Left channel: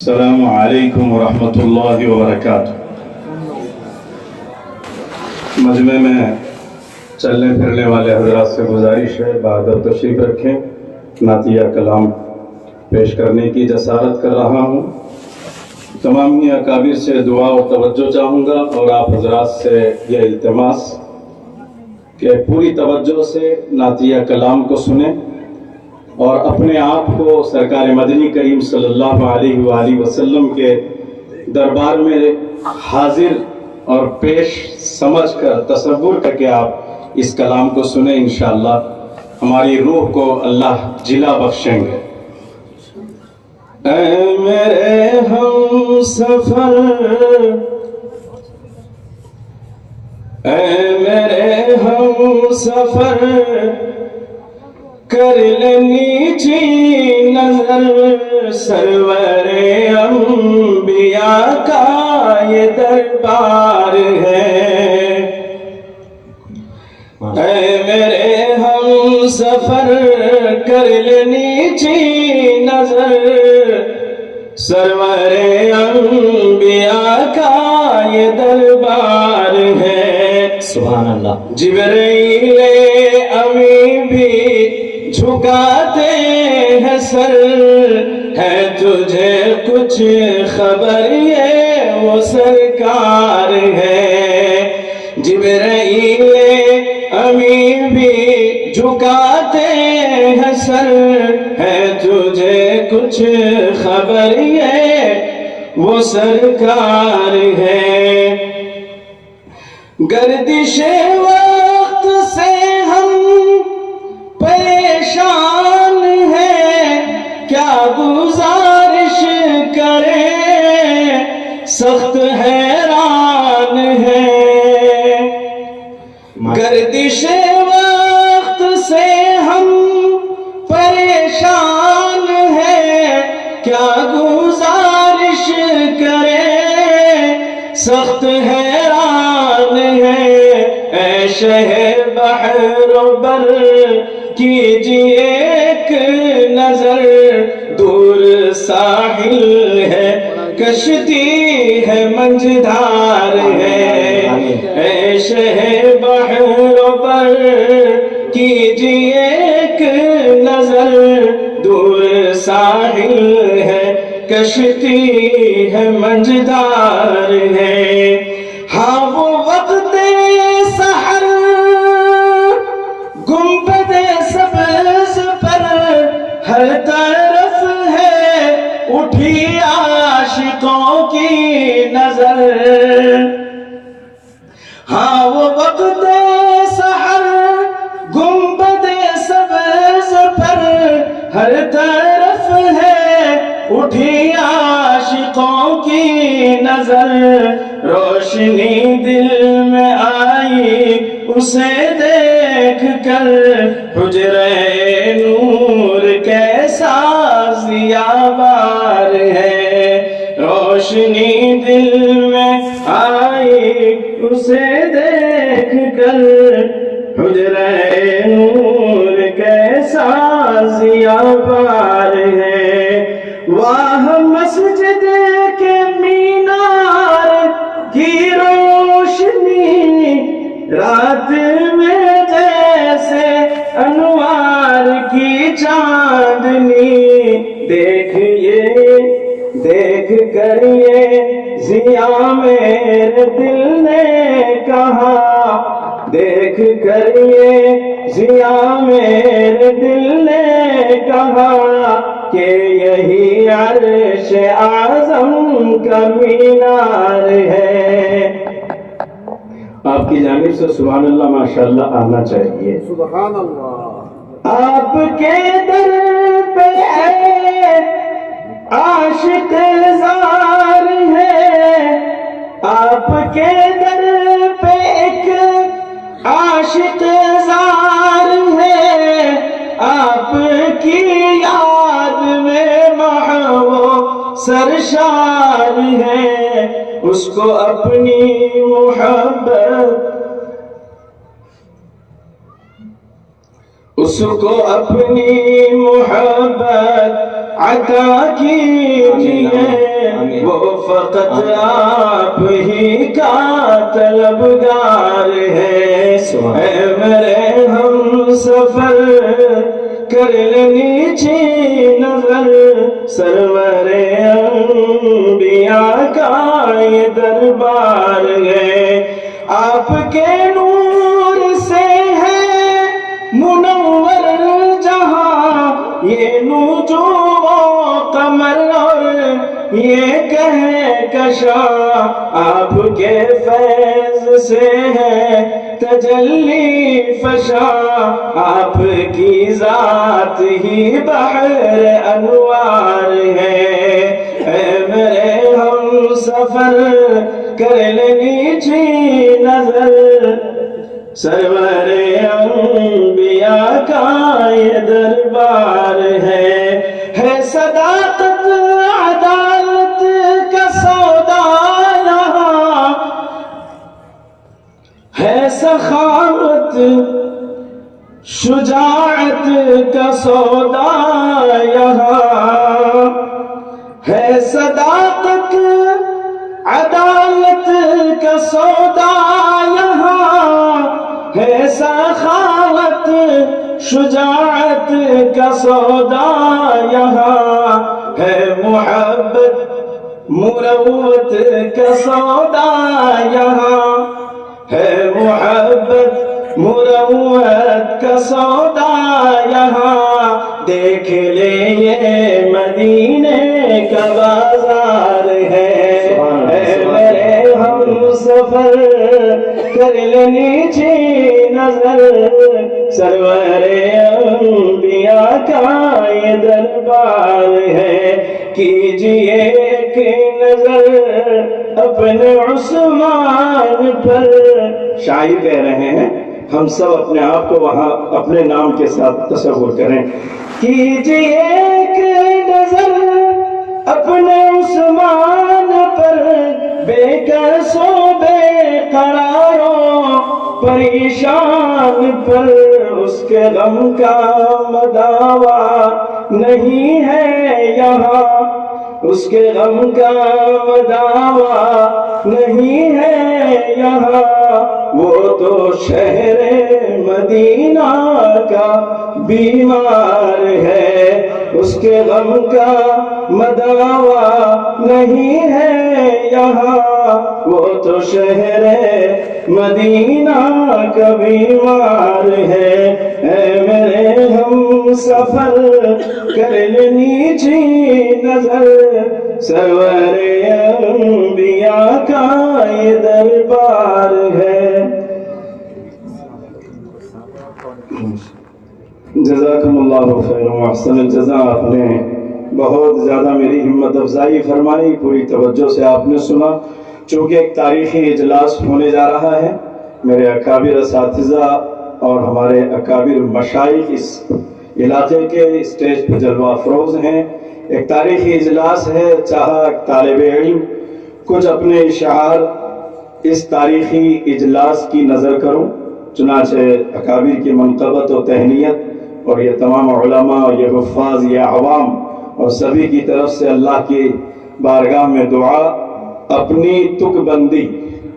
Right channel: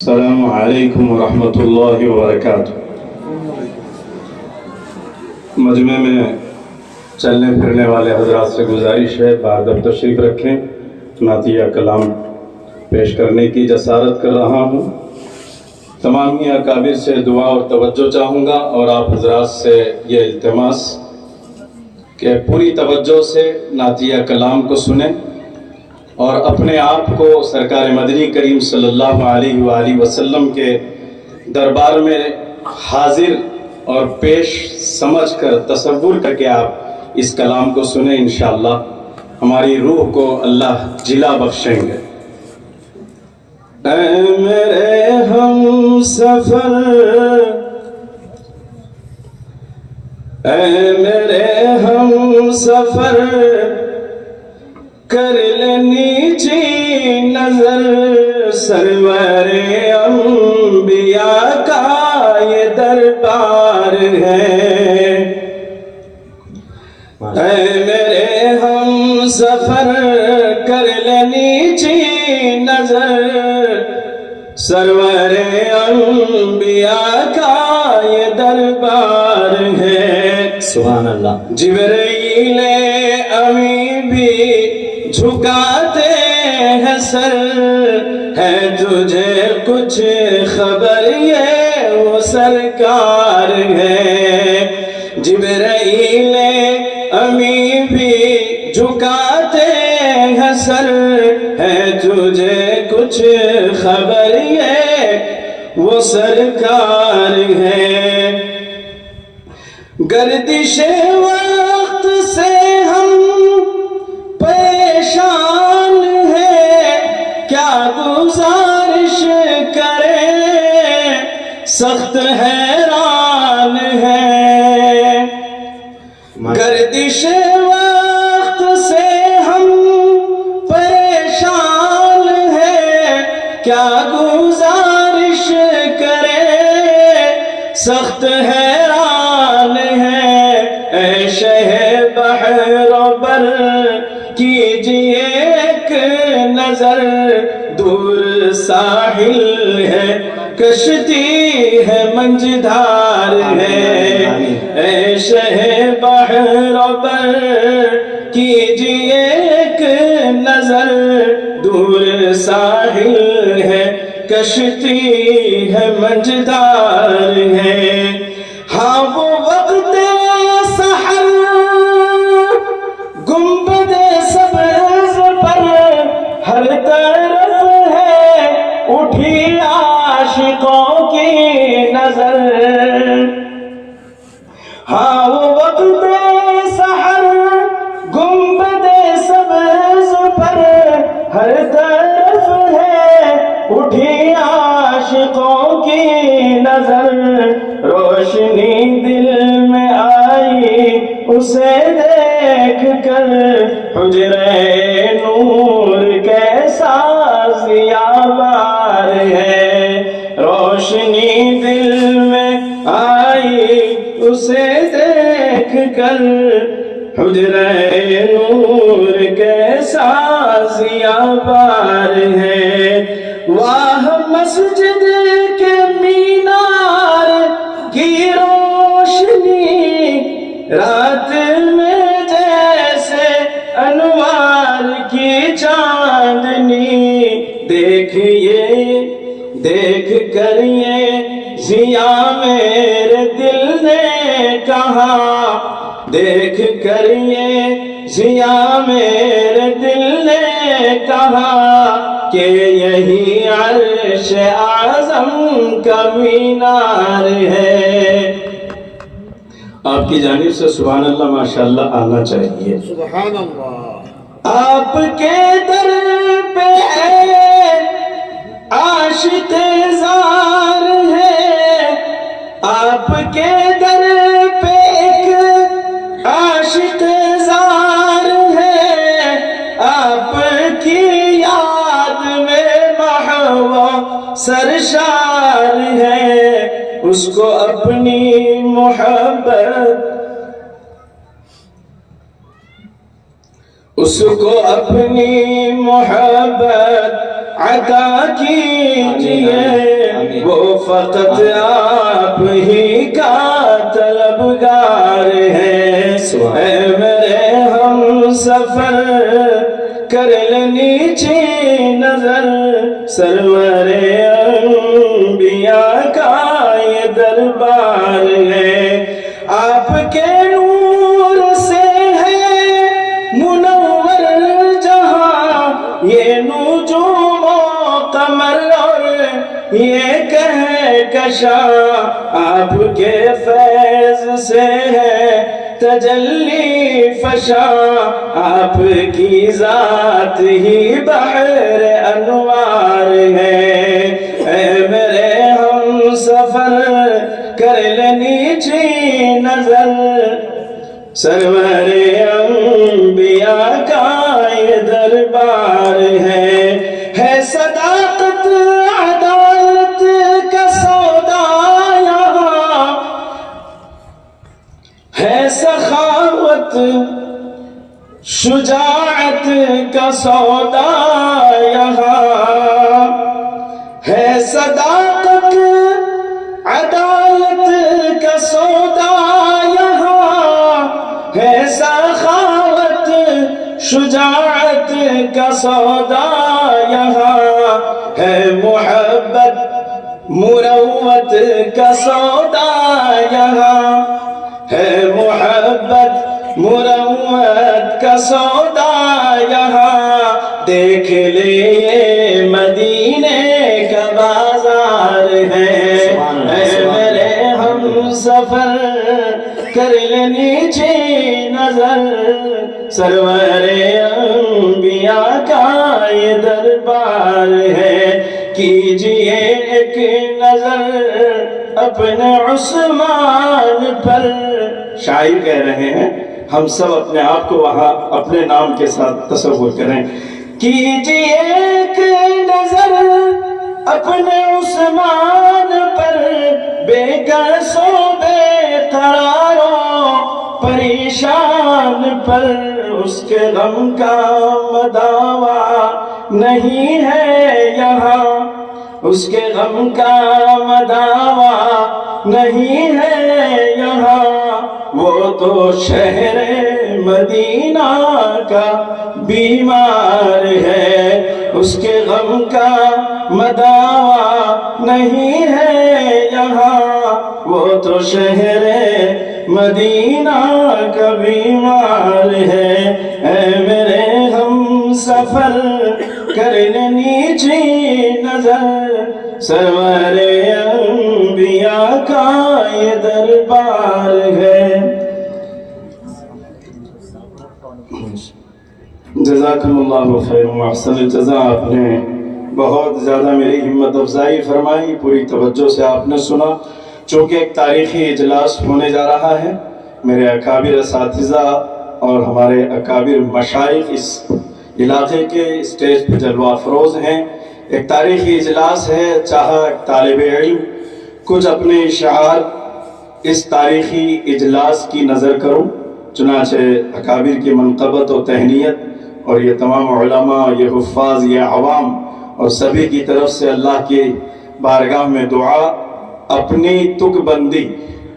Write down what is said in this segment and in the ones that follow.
السلام علیکم ورحمۃ اللہ وبرکاتہ۔ مجمع میں چلنے پھرنے والے حضرات سے گزارش ہے بہادر تشریف رکھیں۔ نعتیہ کلام پیش کرنے کی جسارت کر رہا ہوں۔ تمام اکابر سے دعا اور توجہ چاہوں گا اور آپ حضرات سے یہ التماس کہ پوری توجہ سے نعتیہ کلام کو سنیں اور اپنے آپ کو سرکار مدنی کریم صلی اللہ علیہ وآلہ وسلم کے دربار میں حاضر اور پیش سمجھ کر تصور کر کے آپ اس کلام کو سنیں۔ انشاءاللہ ہماری روح کو اللہ جلا بخشیں گے۔ اے میرے ہم سفر، اے میرے ہم سفر، کر لینی جی نظر سرور انبیاء کا یہ دربار ہے۔ اے میرے ہم سفر، کر لینی جی نظر سرور انبیاء کا یہ دربار ہے۔ سبحان اللہ۔ جبرائیل امی بھی جھکاتے ہیں سر، ہے تجھے کچھ خبر یہ وہ سرکار ہے۔ جبرائیل امی بھی جھکاتے ہیں سر، ہے تجھے کچھ خبر یہ وہ سرکار ہے۔ گردش وقت سے ہم پریشان ہیں، کیا گزارش کریں، سخت حیران ہے۔ گردش وقت سے ہم پریشان ہیں، کیا گزارش کریں، سخت حیران ہے۔ اے شہ بحر و بر کیجئے ایک نظر، دور ساحل ہے کشتی ہے منجدار ہے۔ اے شہ بحر و بر کیجئے ایک نظر، دور ساحل ہے کشتی ہے منجدار ہے۔ ہاں وہ وقت سحر گنبد سبز پر ہر طرف ہے اٹھی عاشقوں کی نظر۔ ہاں وہ وقت سحر گنبد سبز پر ہر طرف ہے اٹھی عاشقوں کی نظر۔ روشنی دل میں آئی اسے دیکھ کر، حجرے نور کیسا ضیاء ہے۔ روشنی دل میں آئی اسے دیکھ کر، حجرے نور کیسا ضیاء ہے۔ واہ مسجد کے مینار کی روشنی، رات میں جیسے انوار کی چاندنی، دیکھ کر یہ ضیاء میرے دل نے کہا، دیکھ کر یہ ضیاء میرے دل نے کہا کہ یہی عرش اعظم کا مینار ہے۔ آپ کی جانب سے سبحان اللہ ماشاءاللہ آنا چاہیے۔ سبحان اللہ۔ آپ کے در پہ عاشق زار ہے، آپ کے در پہ ایک عاشق زار ہے، آپ کی یاد میں محو سرشار ہے۔ اس کو اپنی محبت، اس کو اپنی محبت عطا کیجئے۔ وہ فقط آپ ہی کا طلبگار ہے اے میرے ہم سفر کر لینی چھی نظر سرور انبیاء کا یہ دربار ہے آپ کے نور سے ہے منور جہاں یہ نجوم و قمر اور یہ کہکشاں آپ کے فیض سے ہے تجلی فشاں آپ کی ذات ہی بحر انوار ہے اے میرے ہم سفر کر لینی چھی نظر سرور انبیاء کا یہ دربار ہے صداقت عدالت کا سودا یہاں ہے سخاوت شجاعت کا سودا یہاں ہے صداقت عدالت کا سودا یہاں ہے سخاوت شجاعت کا سودا یہاں ہے محبت مروت کا سودا یہاں ہے محبت مروت کا سودا یہاں دیکھ لے یہ مدینے کا بازار ہے اے میرے ہم سفر کر لینی چھی نظر سرور انبیاء کا یہ دربار ہے کیجئے ایک نظر اپنے عثمان پر شاعر کہہ رہے ہیں ہم سب اپنے آپ کو وہاں اپنے نام کے ساتھ تصور کریں کیجئے ایک نظر اپنے عثمان پر بے کس و بے قراروں پریشان پر اس کے غم کا مداوا نہیں ہے یہاں اس کے غم کا مداوا نہیں ہے یہاں وہ تو شہر مدینہ کا بیمار ہے اس کے غم کا مداوا نہیں ہے یہاں وہ تو شہر مدینہ کا بیمار ہے اے میرے ہم سفر کر لینی چھی نظر سرور انبیاء کا یہ دربار ہے جزاکم اللہ خیر و احسن الجزاء آپ نے بہت زیادہ میری ہمت افزائی فرمائی پوری توجہ سے آپ نے سنا چونکہ ایک تاریخی اجلاس ہونے جا رہا ہے میرے اکابر اساتذہ اور ہمارے اکابر مشائخ اس علاقے کے اسٹیج پہ جلوہ افروز ہیں ایک تاریخی اجلاس ہے چاہا طالب علم کچھ اپنے اشعار اس تاریخی اجلاس کی نظر کروں چنانچہ اکابر کی منقبت و تہنیت اور یہ تمام علماء یہ حفاظ یہ عوام اور سبھی کی طرف سے اللہ کی بارگاہ میں دعا اپنی تک بندی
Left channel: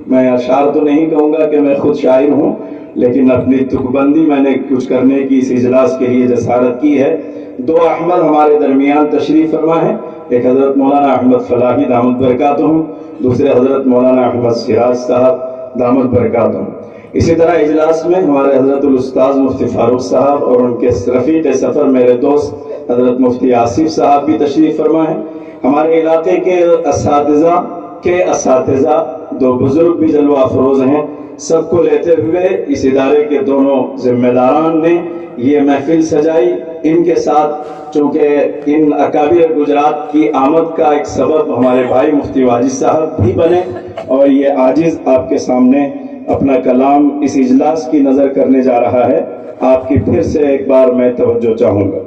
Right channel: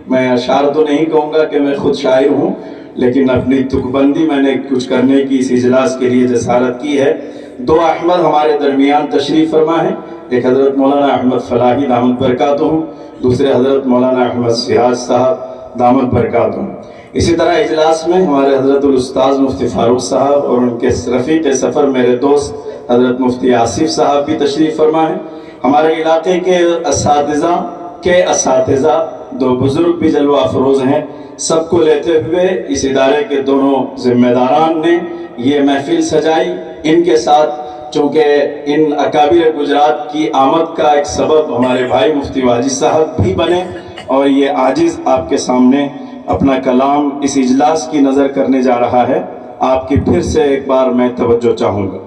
میں اشعار تو نہیں کہوں گا کہ میں خود شاعر ہوں لیکن اپنی تک بندی میں نے کچھ کرنے کی اس اجلاس کے لیے جسارت کی ہے دو احمد ہمارے درمیان تشریف فرما ہے ایک حضرت مولانا احمد فلاحی دامت برکاتہ دوسرے حضرت مولانا احمد سراج صاحب دامت برکاتہ اسی طرح اجلاس میں ہمارے حضرت الاستاذ مفتی فاروق صاحب اور ان کے رفیق سفر میرے دوست حضرت مفتی آصف صاحب بھی تشریف فرما ہے ہمارے علاقے کے اساتذہ دو بزرگ بھی جلوہ افروز ہیں سب کو لیتے ہوئے اس ادارے کے دونوں ذمہ داران نے یہ محفل سجائی ان کے ساتھ چونکہ ان اکابر گجرات کی آمد کا ایک سبب ہمارے بھائی مفتی واجد صاحب بھی بنے اور یہ عاجز آپ کے سامنے اپنا کلام اس اجلاس کی نظر کرنے جا رہا ہے آپ کی پھر سے ایک بار میں توجہ چاہوں گا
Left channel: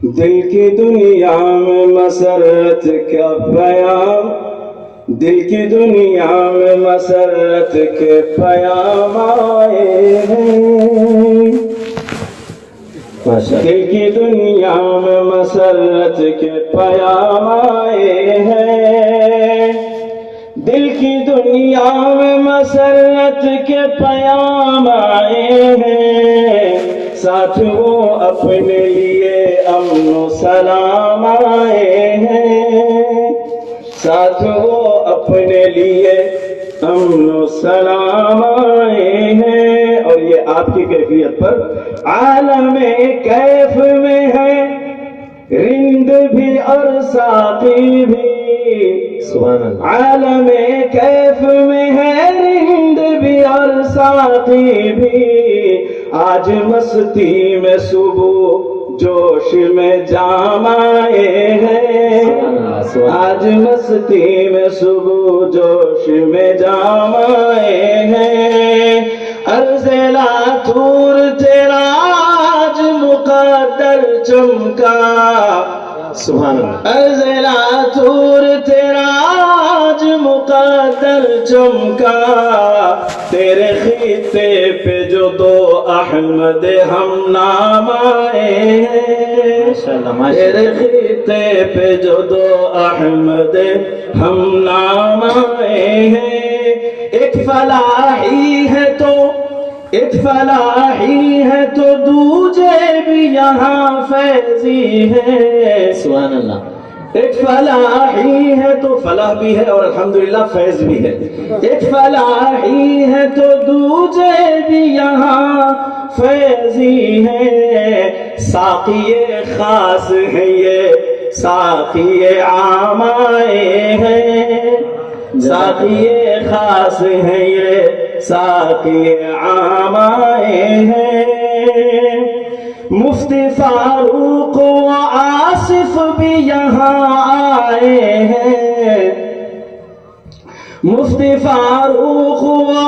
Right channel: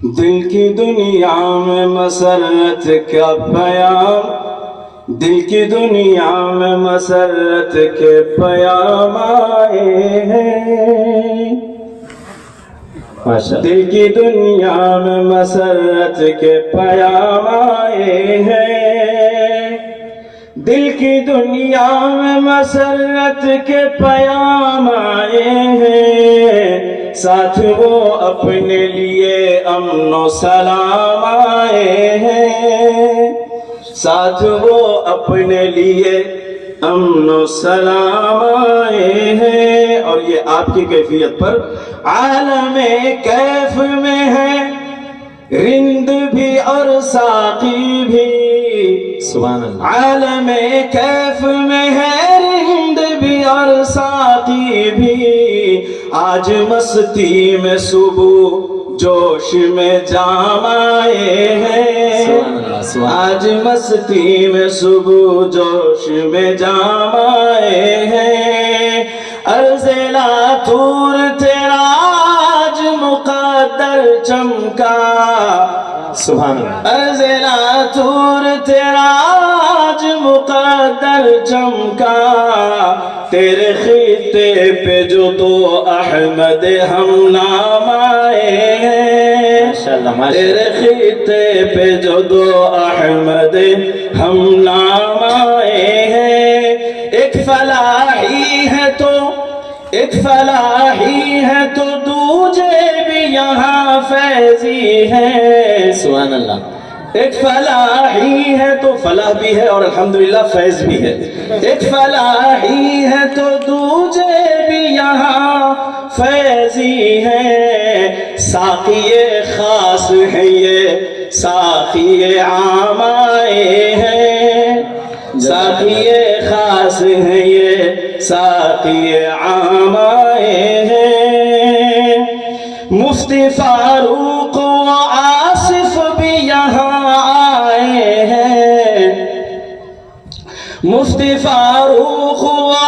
دل کی دنیا میں مسرت کا پیام دل کی دنیا میں مسرت کے پیام آئے ہیں دل کی دنیا میں مسرت کے پیام آئے ہیں، دل کی دنیا میں مسرت کے پیام آئے ہیں، ساتھ وہ اپنے لیے امن و سلام آئے ہیں، ساتھ وہ اپنے لیے امن و سلام آئے ہیں۔ اور یہ آپ کی کیفیت پر عالم کیف میں ہے رند بھی اور ساقی بھی، سبحان اللہ۔ عالم کیف میں ہے رند بھی اور ساقی بھی، آج مستی میں صبح جوش میں جام آئے ہیں، آج مستی میں صبح جوش میں جام آئے ہیں، عرض لاتور تیرا آج مقدر چمکا، سبحان اللہ۔ عرض لاتور تیرا آج مقدر چمکا، تیرے خطے پہ جو دو احمد ہم نام آئے ہیں، تیرے خطے پہ جو دو احمد ہم نام آئے ہیں، ایک فلاحی ہے تو ایک فلاحی ہے تو دوجے بھی یہاں فیضی ہے، سبحان اللہ۔ ایک فلاحی ہے تو فلاح بھی ہے اور الحمدللہ فیض بھی ہے، ایک فلاحی ہے تو دوجے بھی یہاں فیضی ہے، ساقی خاص ہے یہ ساقی عام آئے ہیں، ساقی خاص ہے یہ ساقی عام آئے ہیں، مفتی فاروق و آصف بھی یہاں آئے ہیں، مفتی فاروق و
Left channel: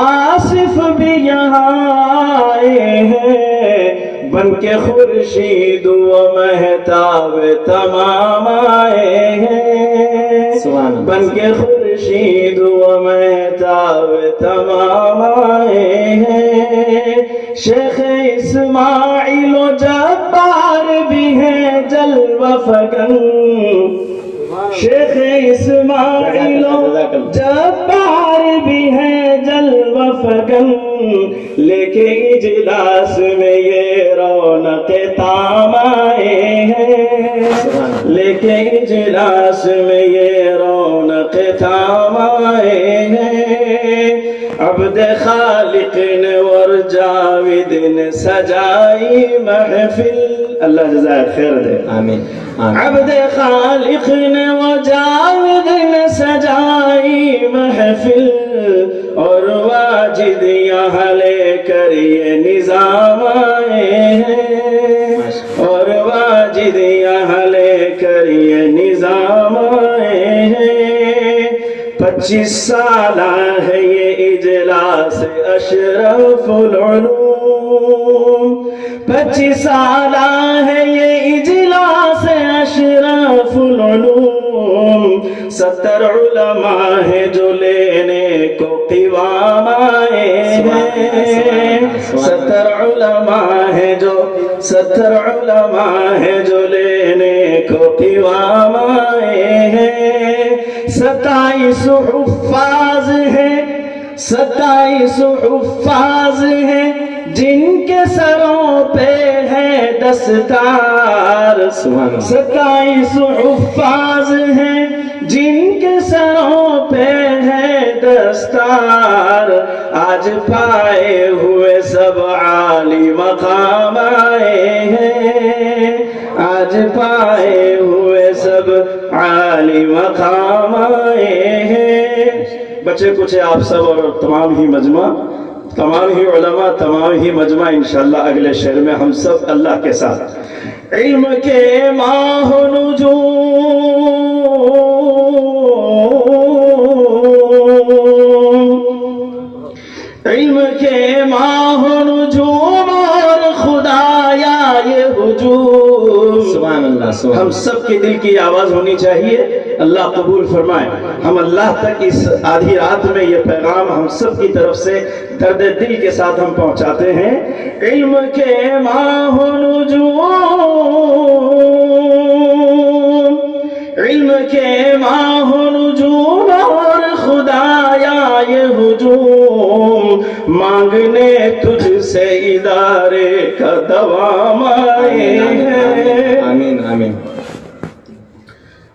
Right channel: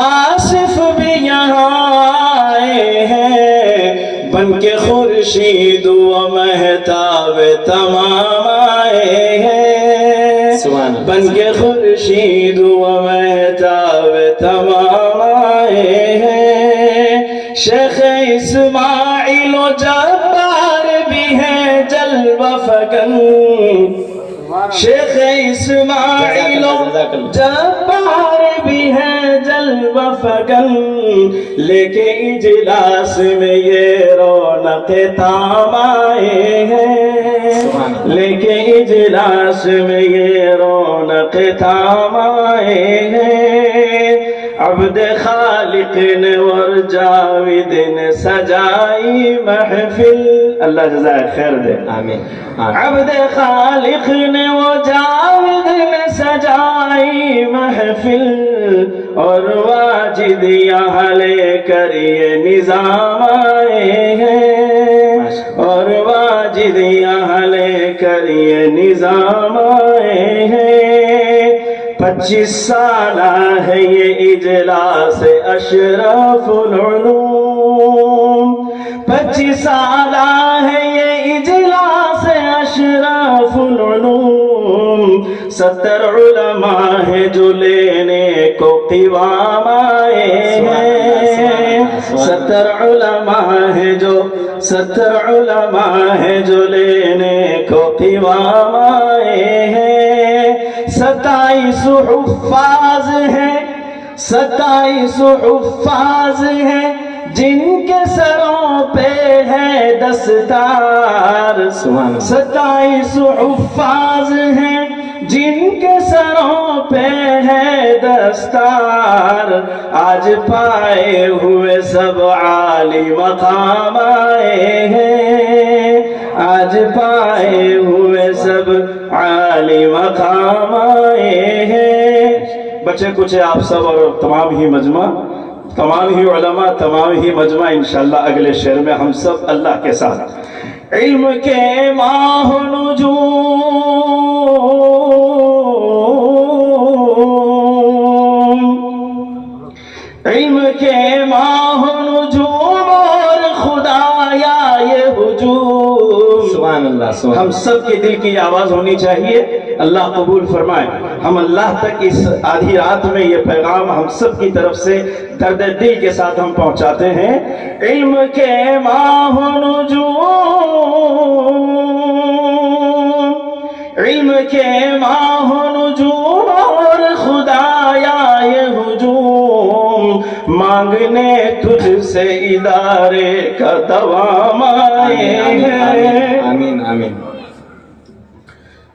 آصف بھی یہاں آئے ہیں، بن کے خورشید و مہتاب تمام آئے ہیں، بن کے خورشید و مہتاب تمام آئے ہیں، شیخ اسماعیل و جبار بھی ہیں جلوہ فکن، شیخ اسماعیل و جبار بھی ہیں جلوہ فکن، لے کے اجلاس میں یہ رونق تام آئے ہیں، لے کے اجلاس میں یہ رونق تام آئے ہیں، عبد خالق نے اور جاوید نے سجائی محفل، اللہ جزائے خیر دے، آمین۔ عبد خالق نے و جاوید نے سجائی محفل، اور واجد یہاں لے کر یہ نظام آئے ہیں، اور واجد یہاں لے کر یہ نظام آئے ہیں، 25 سالہ ہے یہ اجلاس اشرف العلوم، 25 سالہ ہے یہ اجلاس اشرف العلوم، 70 علماء ہیں جو لینے کو قوام آئے ہیں، 70 علماء ہیں جو 70 علماء ہیں جو لینے کو قوام آئے ہیں، 27 حفاظ ہیں 27 حفاظ ہیں جن کے سروں پہ ہے دستار، 27 حفاظ ہیں جن کے سروں پہ ہے دستار، آج پائے ہوئے سب عالی مقام آئے ہیں، آج پائے ہوئے سب عالی مقام آئے ہیں، بچے کچھ آپ سب اور تمام ہی مجمع، تمام ہی علماء، تمام ہی مجمع انشاءاللہ اگلے شعر میں ہم سب اللہ کے ساتھ۔ علم کے ماہ نجوم، علم کے ماہ نجوم اور خدایا یہ ہجوم، سبحان اللہ، ہم سب کے دل کی آواز ہونی چاہیے، اللہ قبول فرمائے. ہم اللہ تک اس آدھی رات میں یہ پیغام ہم سب کی طرف سے درد دل کے ساتھ ہم پہنچاتے ہیں. علم کے ماہ و نجوم، علم کے ماہ و نجوم اور خدایا یہ ہجوم، مانگنے تجھ سے ادارے کا دوام آئے ہیں. آمین آمین.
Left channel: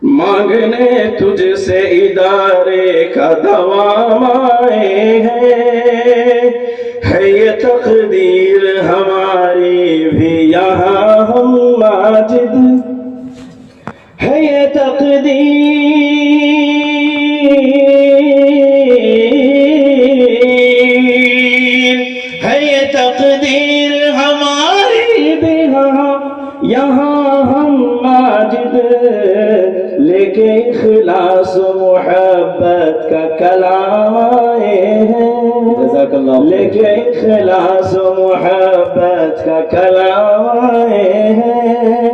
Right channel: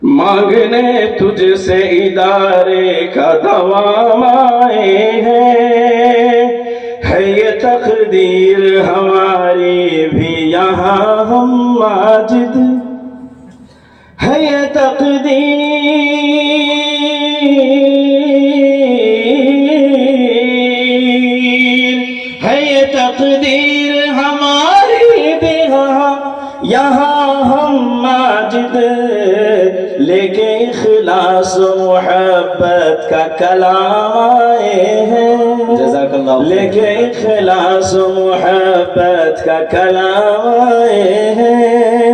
مانگنے تجھ سے ادارے کا دوام آئے ہیں. ہے یہ تقدیر ہماری بھی یہاں ہم ماجد، ہے یہ تقدیر ہماری بھی یہاں ہم ماجد، لے کے اخلاص محبت کا کلام آئے ہیں. جزاک اللہ. لے کے اخلاص محبت کا کلام آئے ہیں.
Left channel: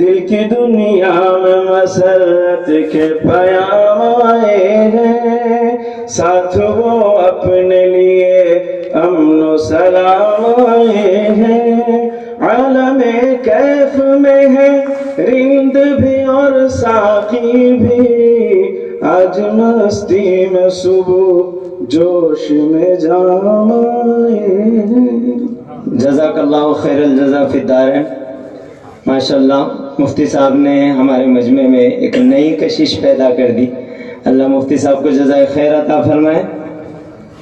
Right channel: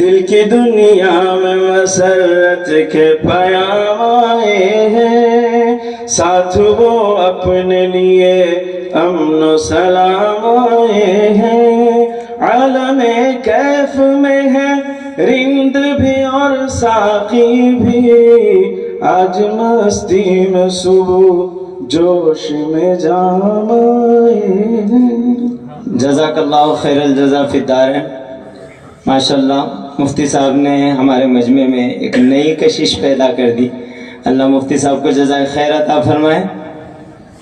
دل کی دنیا میں مسرت کے پیام آئے ہیں. ساتھ وہ اپنے لیے امن و سلام آئے ہیں. عالم کیف میں ہے رند بھی اور ساقی بھی، آج مستی میں صبح جوش میں جام آئے ہیں. جزاک اللہ خیر الجزا فی الدارین. ماشاءاللہ مفتی صاحب نے ہمارے مجمع میں ایک نئی کشش پیدا کر دی. اللہ مفتی صاحب کو جزائے خیر عطا فرمائے.